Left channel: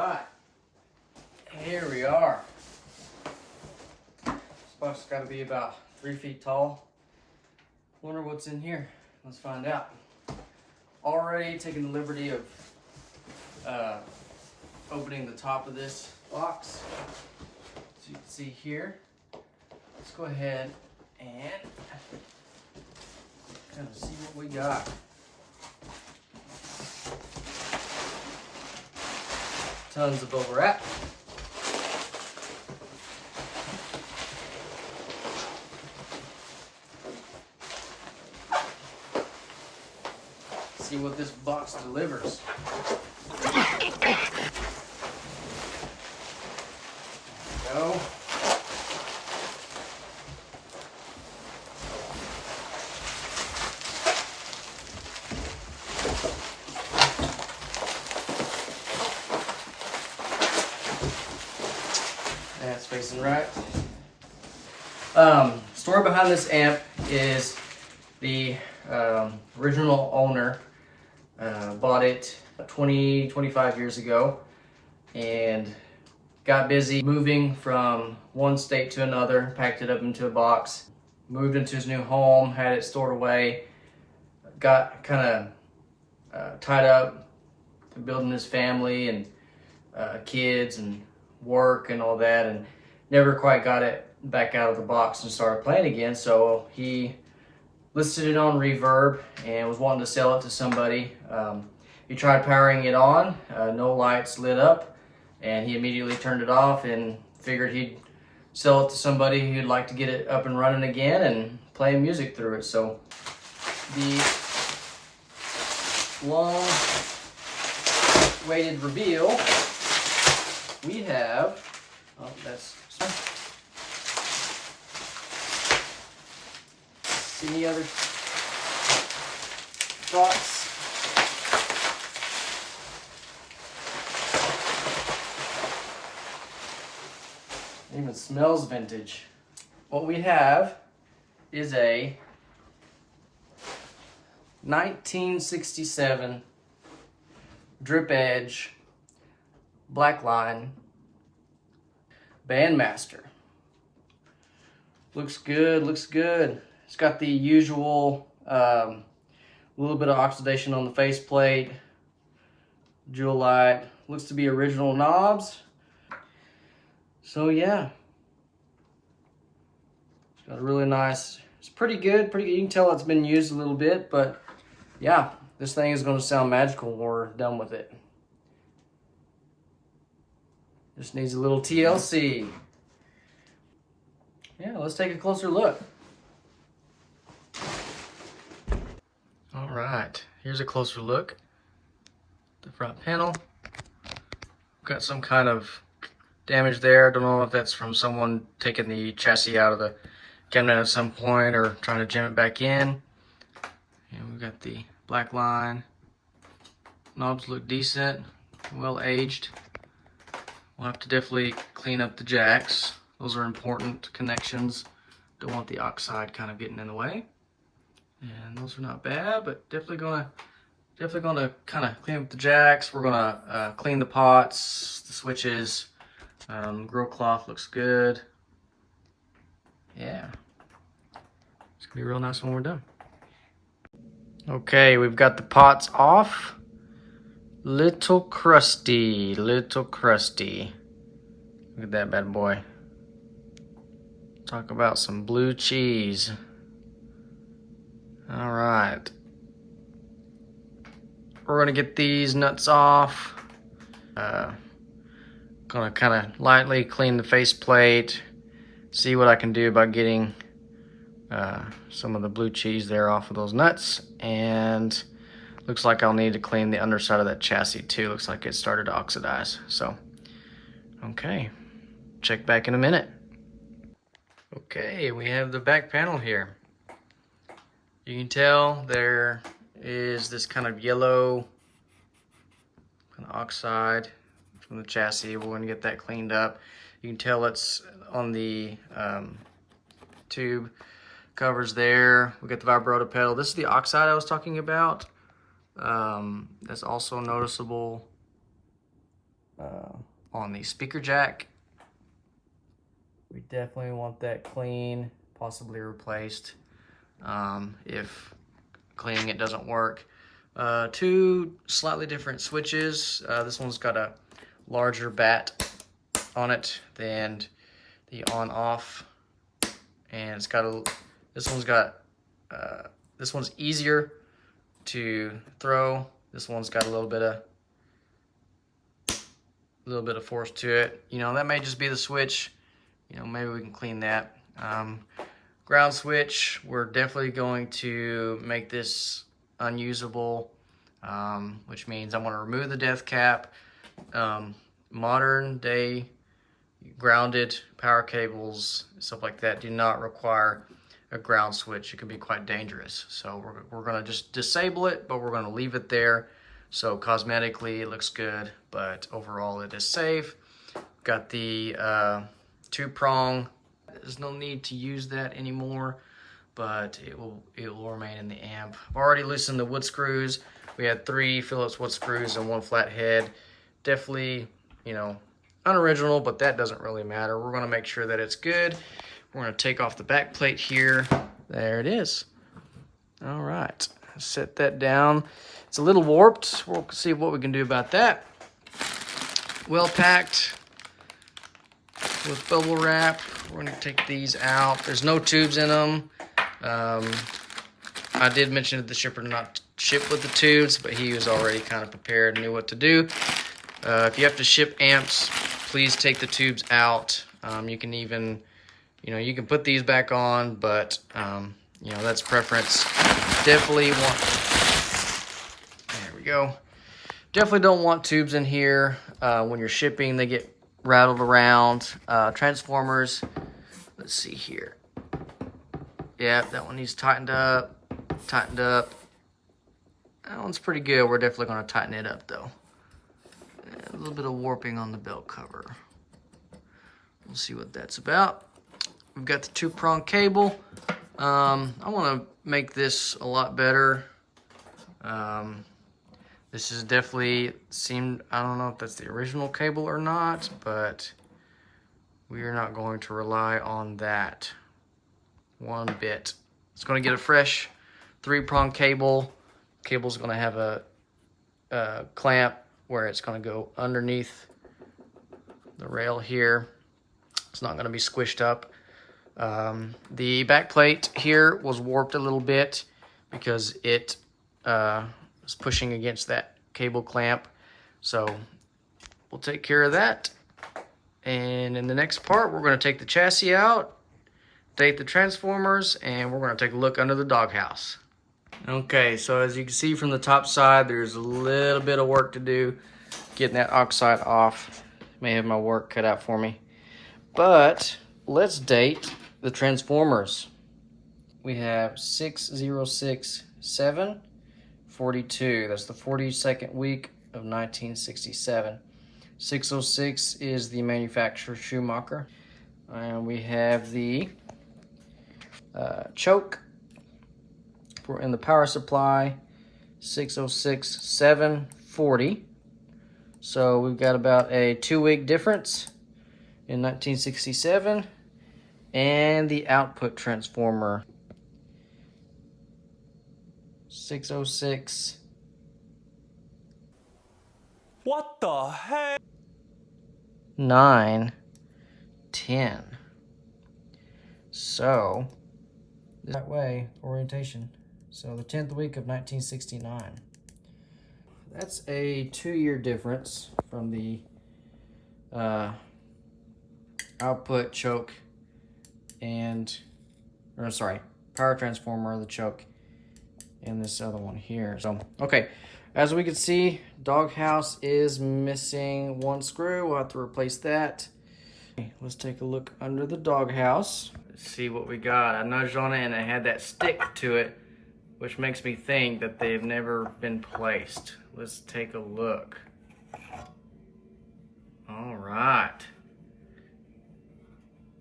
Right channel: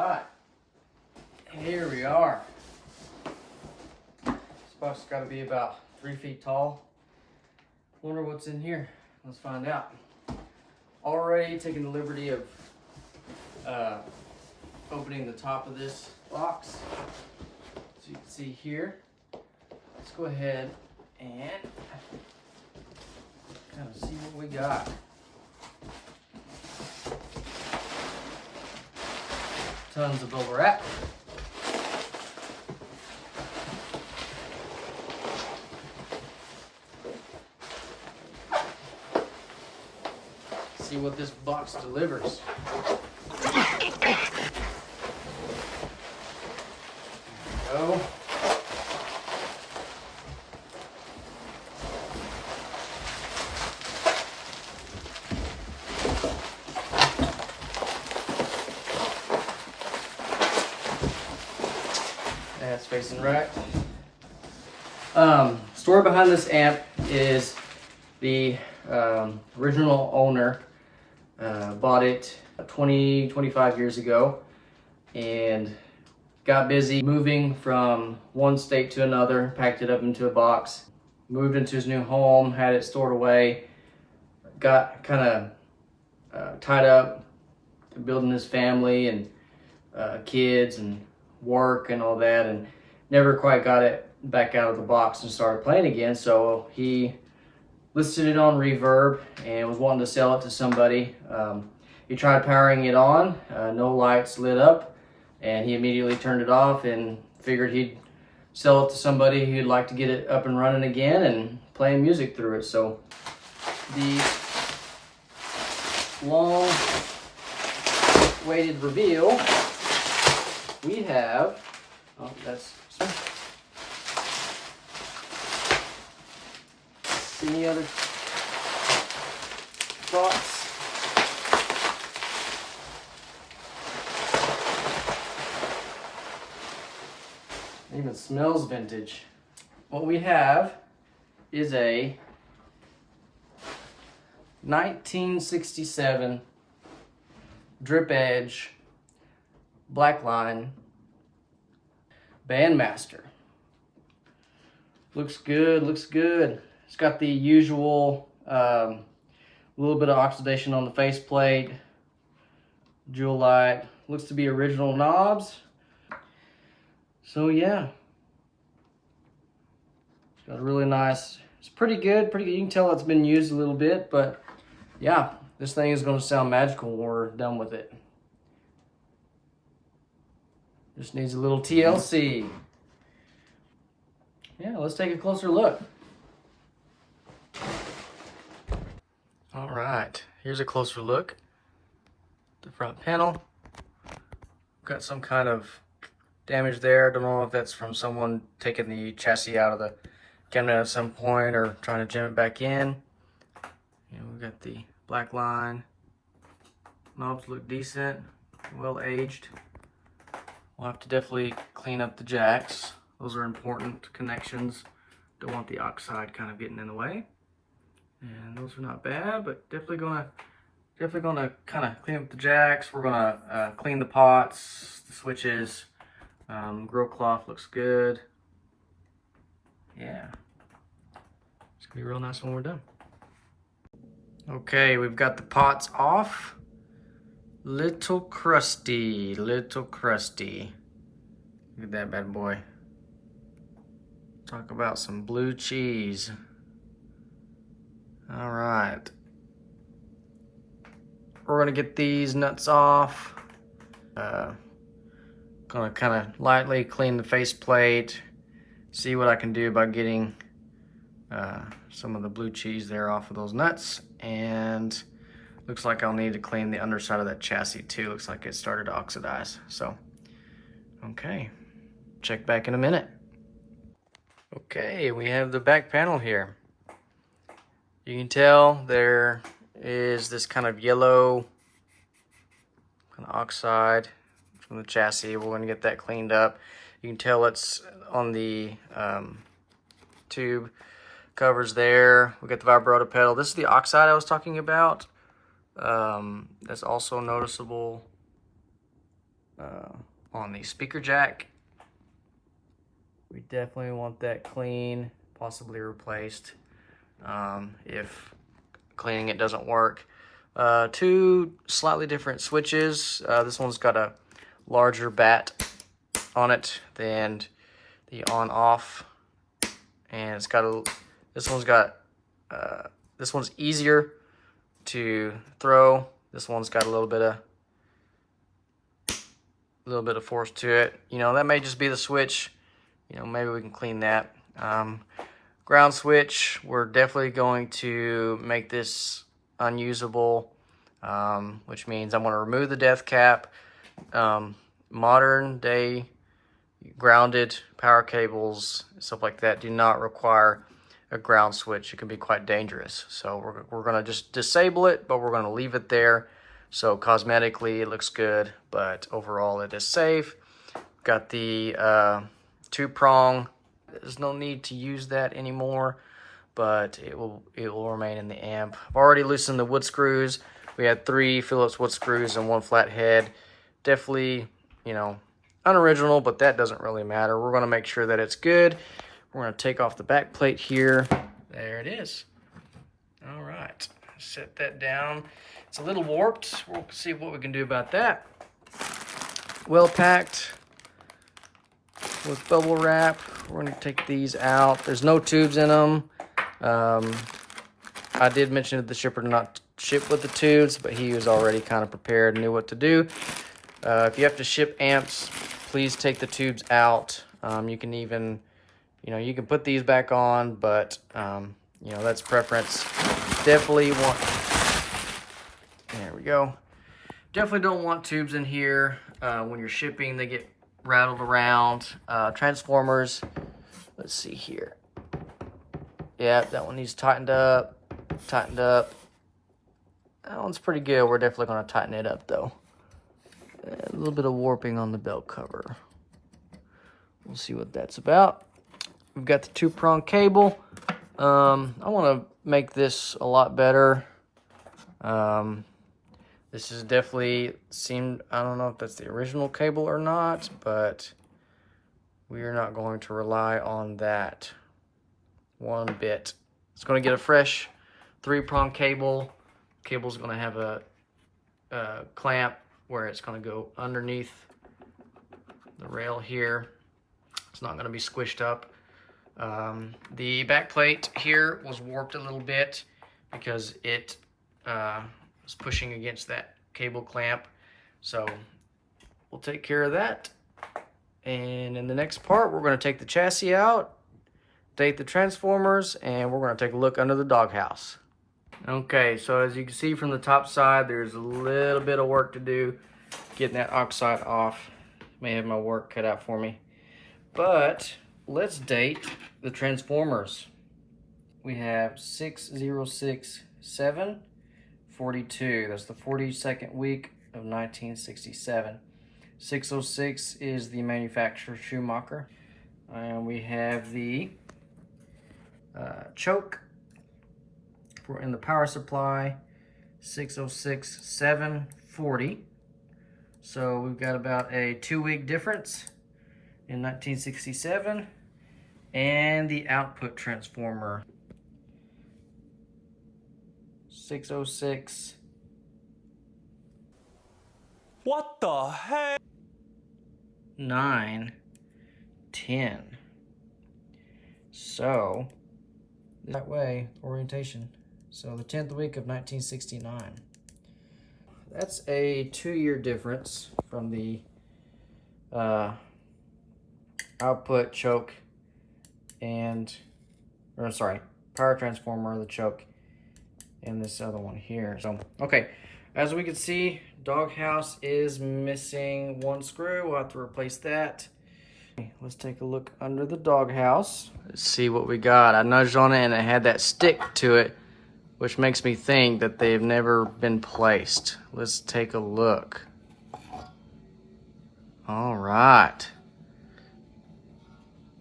right, here we are. This box has got to be about 3 feet tall. Wonder what's in here. Let's find out. Already taking the liberty of opening the top of this box. So you can see here. Let's go ahead and kind of see what we got. Tons of bubble wrap. See what this box delivers. There we go. That's facing right. Story behind this amp is the original owner bought it 25 years ago and got busy moving from one state to another, packed it up into a box, moved into his new home, had it stored away, got kind of tied up to building his family and kids and work and all that, and never quite got it back out of the box and started playing again. So he listed it on Reverb and was wanting to sell it to somebody. He tried powering it on, no lights lit up, and he immediately turned it off and figured he'd sell it to somebody who'd like to get it up and running again and playing music through it. So the long awaited reveal, we have, oh, that's any other thoughts? It even smells vintage. What we have is a 1967 drip edge black line Bandmaster. Looks good, looks good. It's got the usual little bit of oxidation on the faceplate, jewel light. Looks to be original knobs. So yeah, it's got a really nice, it's pretty good, you can tell it's been used a little bit, but yeah, this thing is going to sound magical when we're done with it. Just needs a little TLC. Yeah, let's take a closer look. All right, here's a closer look. The front panel. Got some kind of damage there. I don't know if that's from someone taking the chassis out of the cabinet at some point or trying to jam it back in. And we've got the black line. Knobs look decent, well aged. We'll have to definitely clean up the jacks. Those are important connections. Don't want the oxide kind of getting in the way. And those are not bad, but definitely gonna kind of clean up the jacks. We're gonna clean the pots, the switches. Grill cloth looks good. Yeah, it's gonna be real nice when we're done. Okay, we've got the pots off. Little crusty, little crusty. Look at that bad boy. Talk about some blue cheese. All right. We're gonna get these nuts off. Gonna kind of lightly clean the faceplate. See what I can do about getting some of the blue cheese there off of those nuts. And looks like I'll need to clean the underside of that chassis too. Looks like it started to oxidize. So, okay, check back in a minute. Okay, we have the back panel here. You can tell there is this kind of yellow kind of oxide from the chassis. We're going to get that cleaned up. You can tell it's on the tube covers there. We got the vibrato pedal. This is the oxide I was talking about. That's also noticeable on the speaker jack. We definitely want that clean, possibly replaced if cleaning it doesn't work. Two slightly different switches. This one's got a larger bat on it than the on-off, and it's got a. This one's easier to throw. This one's got a little bit of force to it. You know, that may just be the switch. You know, maybe we can clean that. Ground switch, we're definitely going to make this unusable, which means I'm going to remove the death cap. Modern day grounded power cables, stuff like that, do not require a ground switch. It can be quite dangerous. So we're going to just disable it, but we're going to leave it there. So cosmetically it looks good, but overall it is safe. Got the 2-prong. There's no need to use that anymore, but it will remain in the amp. I've already loosened the wood screws. We had 3 Phillips wood screws and 1 flat head. Definitely, you know, unoriginal, but that doesn't really matter. We're going to make sure that it's good. We're going to take off the back plate here. There it is. All right, set that down. It's a little warped. We'll see what we can do about that. Well packed with bubble wrap. We're going to take these out. There's no tubes in them. I did mention to the shipper to not ship with the tubes, but he was already kind of prepared and knew what to do. If you have to ship amps, please take the tubes out. You can even, you know, you can put these back on, but, you know, that's preference. Definitely want, there we go. Definitely don't want tubes in here. When you're shipping, they get rattled around. Transformers, let's see here. Yeah, that one needs tightened up, tightened up. That one's pretty good. We're definitely going to tighten it up though. A little bit of warping on the belt cover. We'll see what that's about. We've got the 2-prong cable. I want to make this a lot better. This is definitely seemed, I don't know if that's the original cable or not, but we are not going to rely on that one bit. It's going to get a fresh 3-prong cable. Cable's going to have a clamp where it's going to go underneath the rail here. It's not going to be squished up. The back plate here was warped a little bit because it was pushing against that cable clamp. So we'll take care of that. And in the next part, we're going to take the chassis out, date the transformers, and we're going to take a look under the Dawg Haus. Okay, so as you can see from the top side, there's a little bit of work to do getting that oxide off. May have my work cut out for me. But let's date the transformers. We have 606742. That's the 42nd week of 1967. 606 is the manufacturer, Schumacher. And we have the choke in the power supply, 606740. So we've got about a 2-week difference in 1967. And the output transformer, 606. What the heck? 910. So that way, orientation. So the 10th week of 1969. That's a 2-year difference from the output choke and, or sorry, power transformer, the choke, and this other one here. So, okay, as we can see, Dawg Haus is missing 1 screw. We'll have to replace that. Let's take a look under the Dawg Haus. Let's see what we got. I nudged on it and it had that stick to it, which makes me think that they've never been placed. Let's take a look. All right.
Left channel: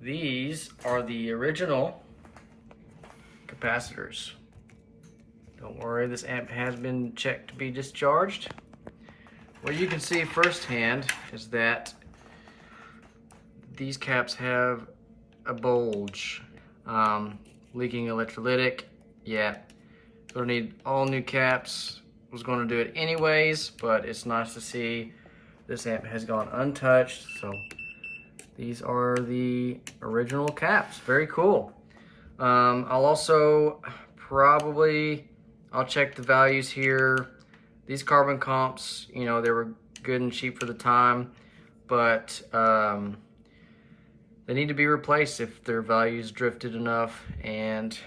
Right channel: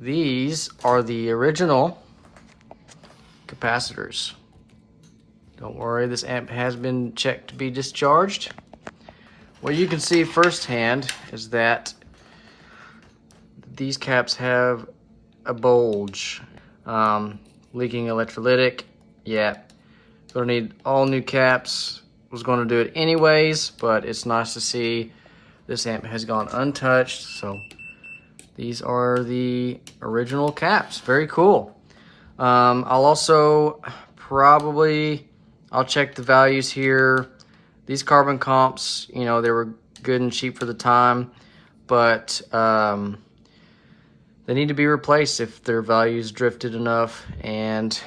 These are the original capacitors. Don't worry, this amp has been checked to be discharged. what you can see firsthand is that these caps have a bulge. Leaking electrolytic. Yeah, gonna need all new caps. Was gonna do it anyways, but it's nice to see this amp has gone untouched. So these are the original caps. Very cool. I'll also I'll check the values here. These carbon comps, you know, they were good and cheap for the time, but they need to be replaced if their values drifted enough, and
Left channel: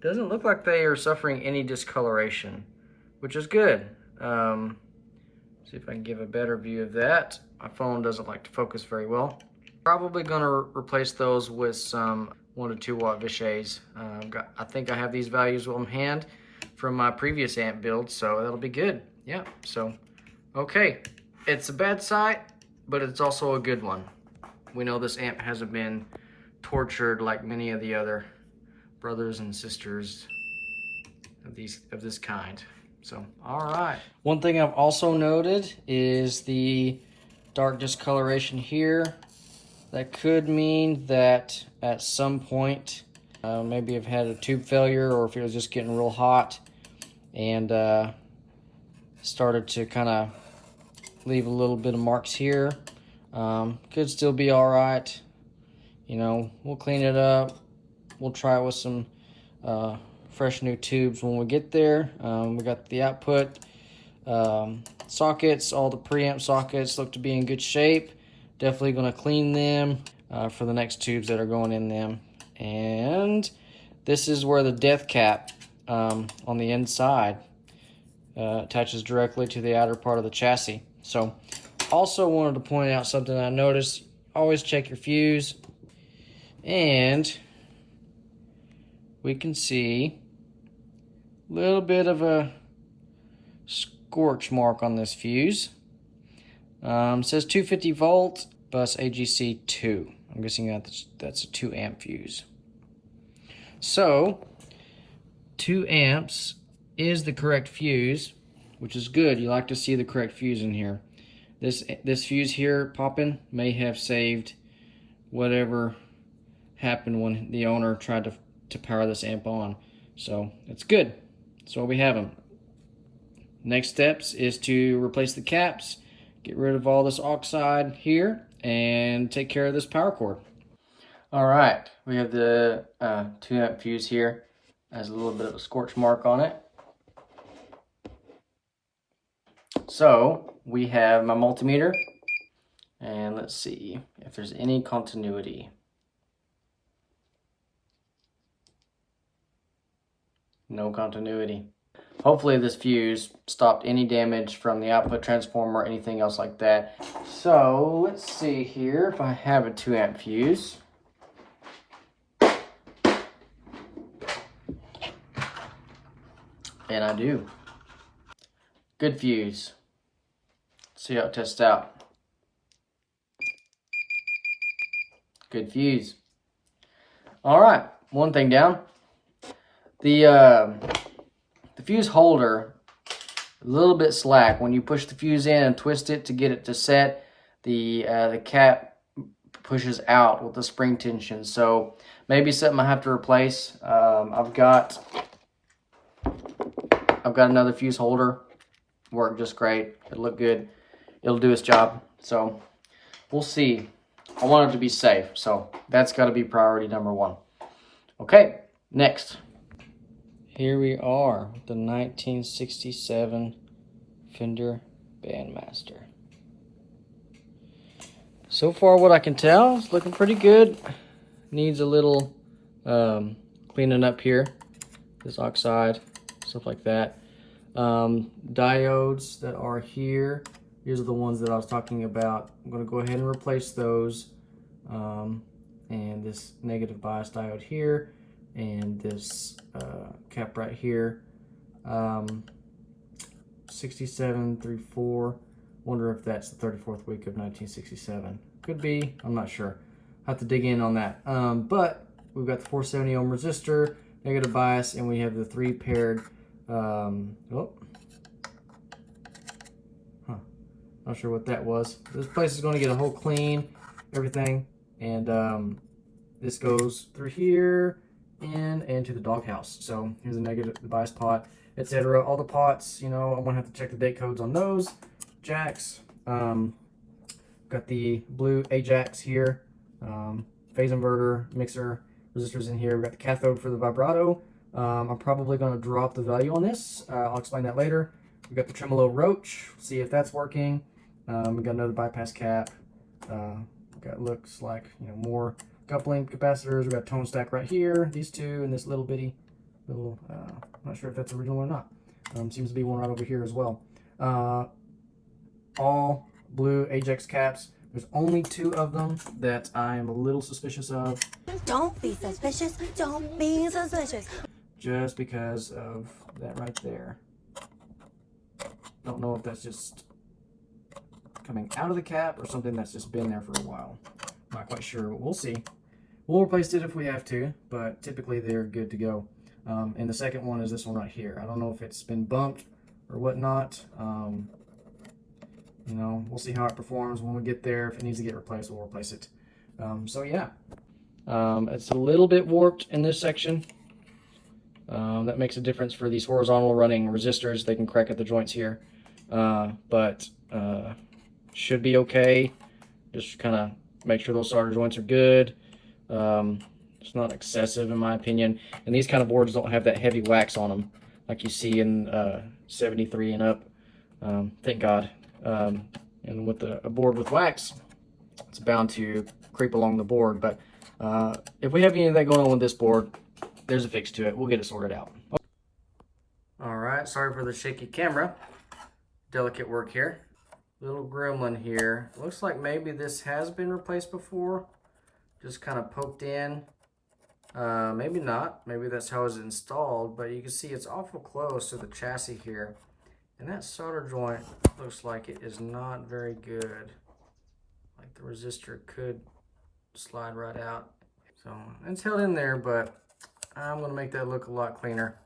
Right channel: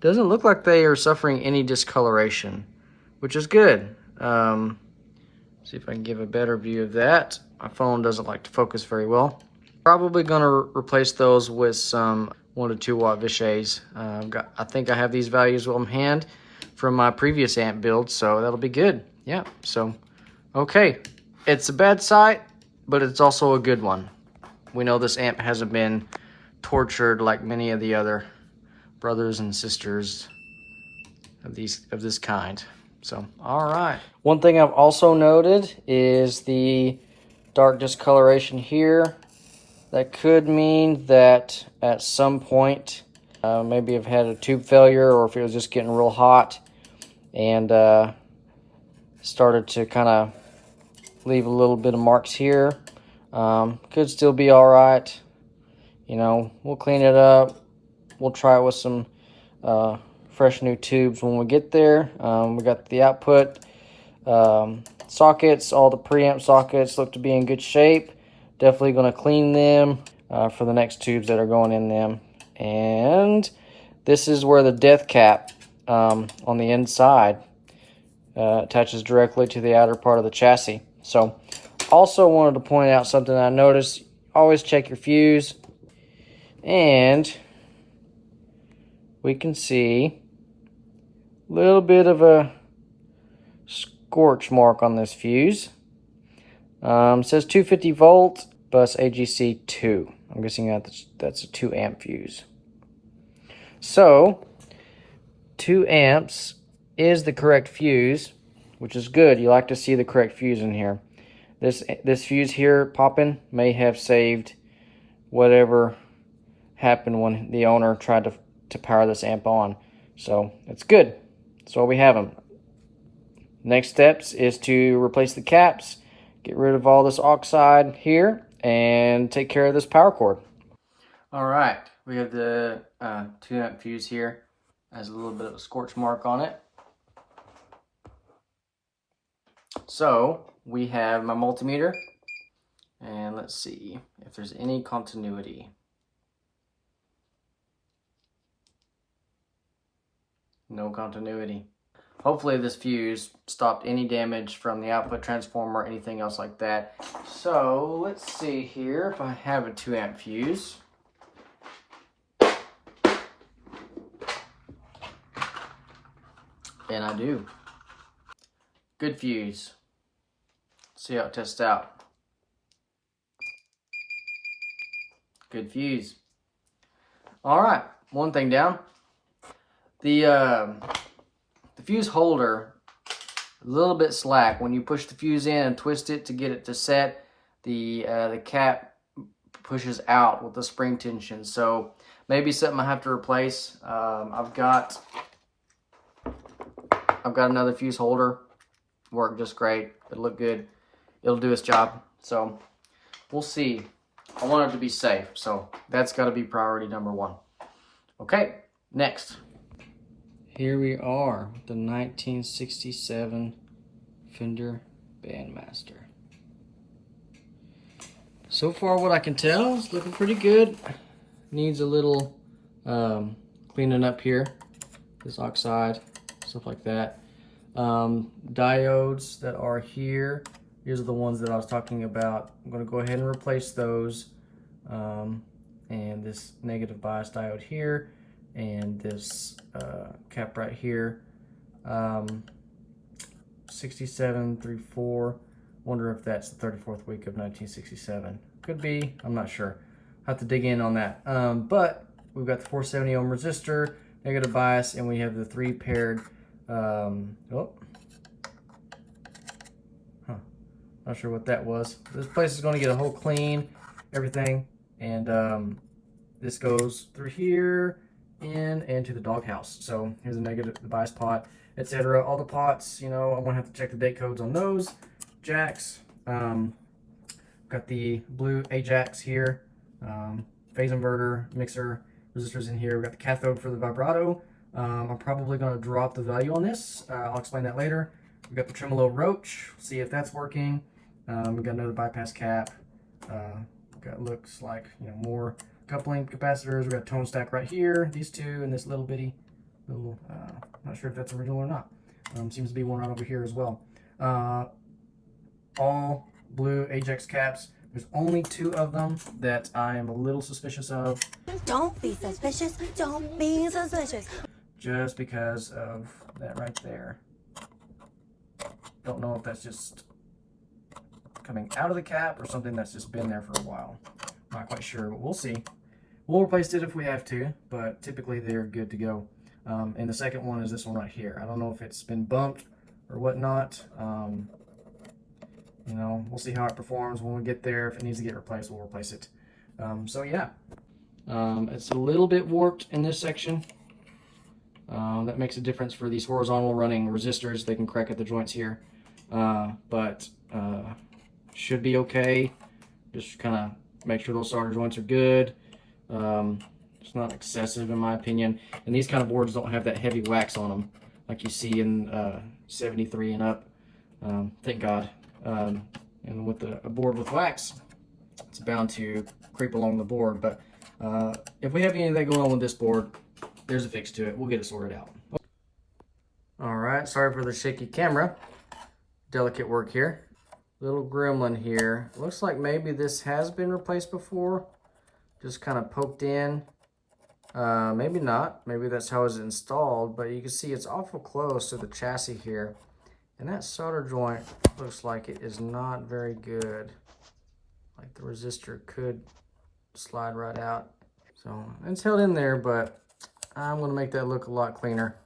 doesn't look like they are suffering any discoloration, which is good. See if I can give a better view of that. My phone doesn't like to focus very well. Probably gonna replace those with some 1 to 2 watt Vichys. I think I have these values on hand from my previous amp build, so that'll be good. Yeah, so, okay. It's a bad sight, but it's also a good one. We know this amp hasn't been tortured like many of the other brothers and sisters of this kind. So, all right. One thing I've also noted is the dark discoloration here. That could mean that at some point, maybe I've had a tube failure, or if it was just getting real hot and started to kind of leave a little bit of marks here. Could still be all right. You know, we'll clean it up. We'll try it with some fresh new tubes when we get there. We got the output sockets. All the preamp sockets look to be in good shape. Definitely going to clean them for the next tubes that are going in them. And this is where the death cap on the inside attaches directly to the outer part of the chassis. So, also wanted to point out something I noticed. Always check your fuse. And we can see a little bit of a scorch mark on this fuse. It says 250 volt bus AGC 2. I'm guessing that's a 2 amp fuse. So 2 amps is the correct fuse, which is good. You like to see the correct fuse in here. This fuse here popping may have saved whatever happened when the owner tried to power this amp on. So it's good. That's why we have them. Next steps is to replace the caps, get rid of all this oxide here, and take care of this power cord. All right, we have the 2 amp fuse here. It has a little bit of a scorch mark on it. So we have my multimeter, and let's see if there's any continuity. No continuity. Hopefully this fuse stopped any damage from the output transformer or anything else like that. So let's see here if I have a 2 amp fuse. And I do. Good fuse. Let's see how it tests out. Good fuse. All right, one thing down. The fuse holder, a little bit slack. When you push the fuse in and twist it to get it to set, the cap pushes out with the spring tension. So maybe something I have to replace. I've got another fuse holder. Worked just great. It'll look good. It'll do its job. So we'll see. I want it to be safe. So that's got to be priority number 1. Okay, next. Here we are with the 1967 Fender Bandmaster. So far what I can tell, it's looking pretty good. Needs a little cleaning up here. This oxide, stuff like that. Diodes that are here. These are the ones that I was talking about. I'm going to go ahead and replace those. And this negative bias diode here. And this cap right here. 6734. Wonder if that's the 34th week of 1967. Could be. I'm not sure. Have to dig in on that. But we've got the 470 ohm resistor, negative bias, and we have the 3 paired Not sure what that was. This place is going to get a whole clean, everything. And this goes through here and to the Dawg Haus. So here's a negative, the bias pot, etc. All the pots, you know, I'm going to have to check the date codes on those. Jacks. Got the blue Ajax here. Phase inverter, mixer, resistors in here. We got the cathode for the vibrato. I'm probably going to drop the value on this. I'll explain that later. We got the tremolo roach. See if that's working. We got another bypass cap. Got looks like, you know, more coupling capacitors. We got tone stack right here. These two and this little bitty little. Not sure if that's original or not. Seems to be one right over here as well. All blue Ajax caps. There's only 2 of them that I am a little suspicious of. Don't be suspicious. Don't be suspicious. Just because of that right there. Don't know if that's just coming out of the cap or something that's just been there for a while. Not quite sure, but we'll see. We'll replace it if we have to, but typically they're good to go. And the second one is this one right here. I don't know if it's been bumped or whatnot. You know, we'll see how it performs when we get there. If it needs to get replaced, we'll replace it. So yeah, it's a little bit warped in this section. That makes a difference for these horizontal running resistors. They can crack at the joints here, but should be okay. Just kind of make sure those solder joints are good. It's not excessive in my opinion. And these kind of boards don't have that heavy wax on them like you see in 73 and up. Thank God. And with a board with wax, it's bound to creep along the board. But if we have anything going on with this board, there's a fix to it. We'll get it sorted out. All right, sorry for the shaky camera. Delicate work here. Little gremlin here. Looks like maybe this has been replaced before. Just kind of poked in. Maybe not. Maybe that's how it's installed. But you can see it's awful close to the chassis here. And that solder joint looks like it is not very good. Like the resistor could slide right out. So it's held in there, but I'm going to make that look a lot cleaner.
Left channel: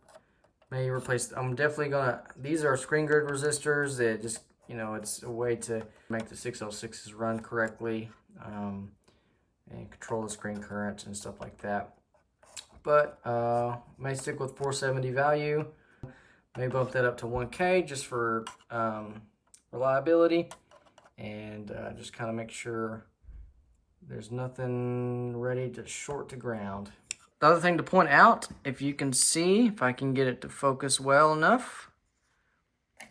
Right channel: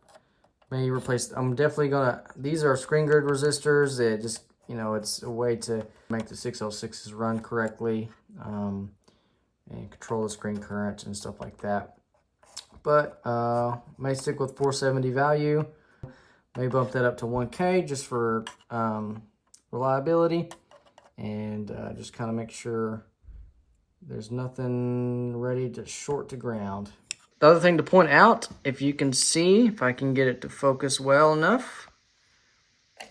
Maybe replace, I'm definitely going to, these are screen grid resistors that just, you know, it's a way to make the 606s run correctly and control the screen current and stuff like that. But may stick with 470 value. May bump that up to 1K just for reliability, and just kind of make sure there's nothing ready to short to ground. The other thing to point out, if you can see, if I can get it to focus well enough,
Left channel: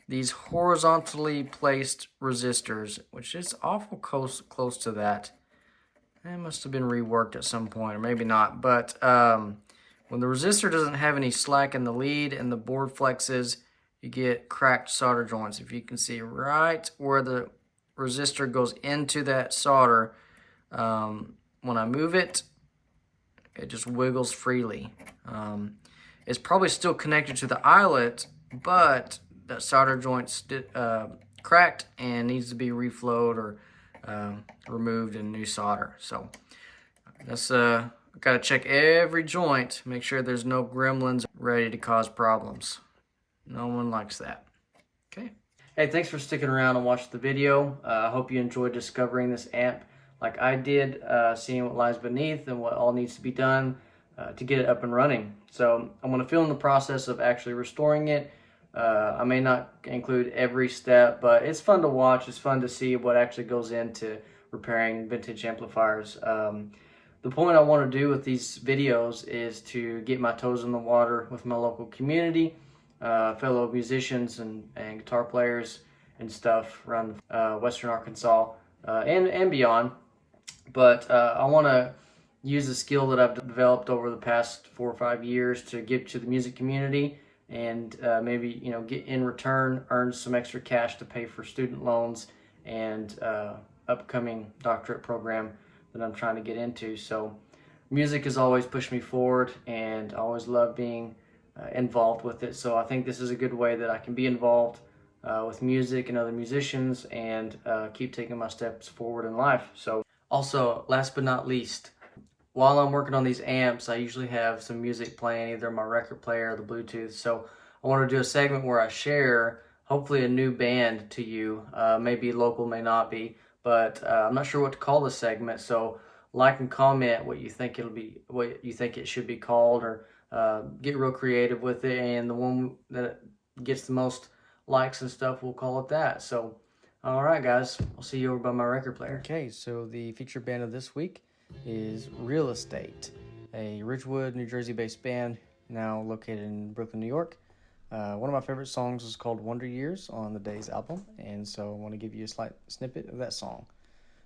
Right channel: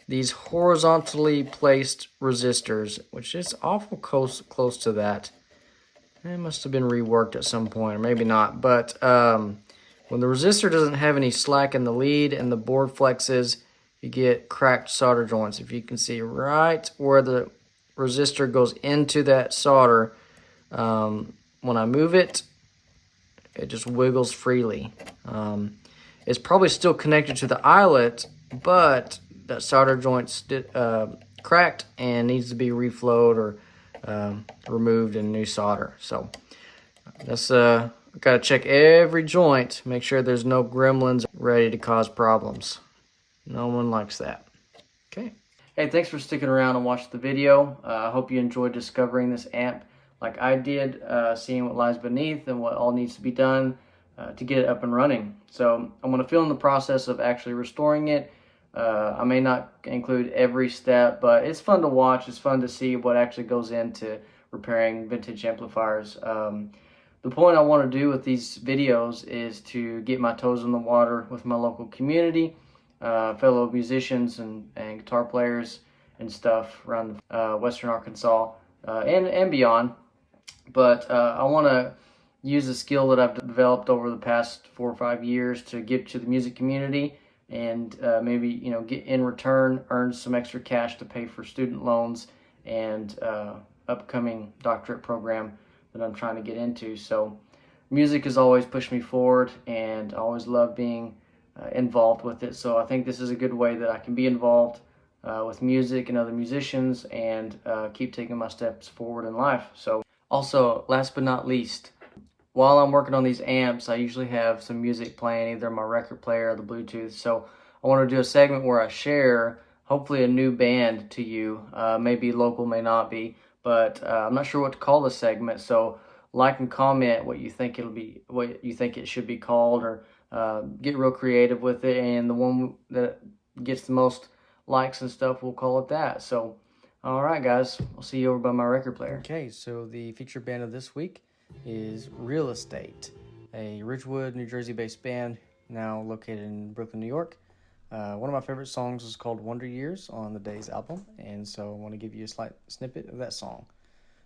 these horizontally placed resistors, which is awful close to that. It must have been reworked at some point, or maybe not. But when the resistor doesn't have any slack in the lead and the board flexes, you get cracked solder joints. If you can see right where the resistor goes into that solder, when I move it, it just wiggles freely. It's probably still connected to the eyelet, but that solder joint's cracked and needs to be reflowed or removed in new solder. So that's got to check every joint, make sure there's no gremlins ready to cause problems. No one likes that. Okay. Hey, thanks for sticking around and watching the video. I hope you enjoyed discovering this amp like I did, seeing what lies beneath and what all needs to be done to get it up and running. So I'm going to film the process of actually restoring it. I may not include every step, but it's fun to watch. It's fun to see what actually goes into repairing vintage amplifiers. The point I want to do with these videos is to get my toes in the water with my local community, fellow musicians and guitar players and stuff around Western Arkansas and beyond. But I want to use the skill that I've developed over the past 4 or 5 years to give to the music community, and maybe, you know, get in return, earn some extra cash to pay for student loans and upcoming doctorate program that I'm trying to get into. So music has always pushed me forward, and I always love being involved with it. So I think this is a good way that I can be involved with music and other musicians and keep taking my steps forward in life. So also, last but not least, while I'm working on these amps, I usually have some music playing, either my record player or the Bluetooth. So I want to do a segment where I share hopefully a new band to you. Maybe local, may not be, but I'm not sure what to call this segment. So like and comment what you think what you think it should be called, or get real creative with it. And the one that gets the most likes and stuff, we'll call it that. So, all right, guys, I'll see you over by my record player. Okay, so the featured band of this week is Real Estate, a Ridgewood, New Jersey-based band now located in Brooklyn, New York. One of my favorite songs is called Wonder Years on the Days album, and so I want to give you a slight snippet of that song.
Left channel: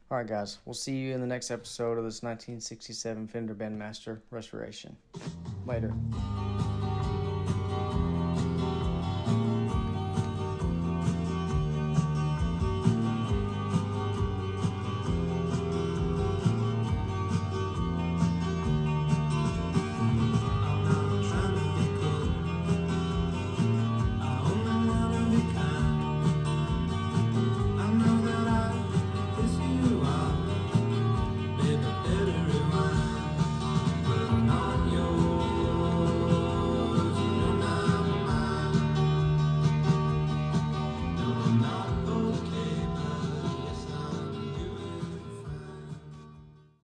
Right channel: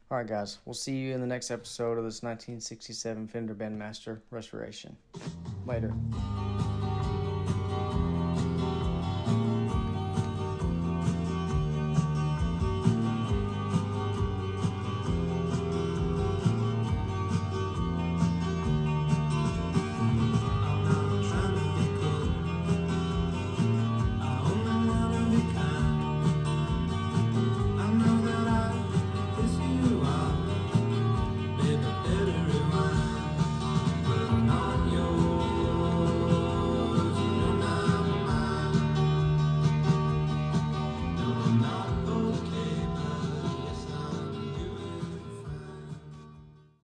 All right, guys, we'll see you in the next episode of this 1967 Fender Bandmaster restoration. Later.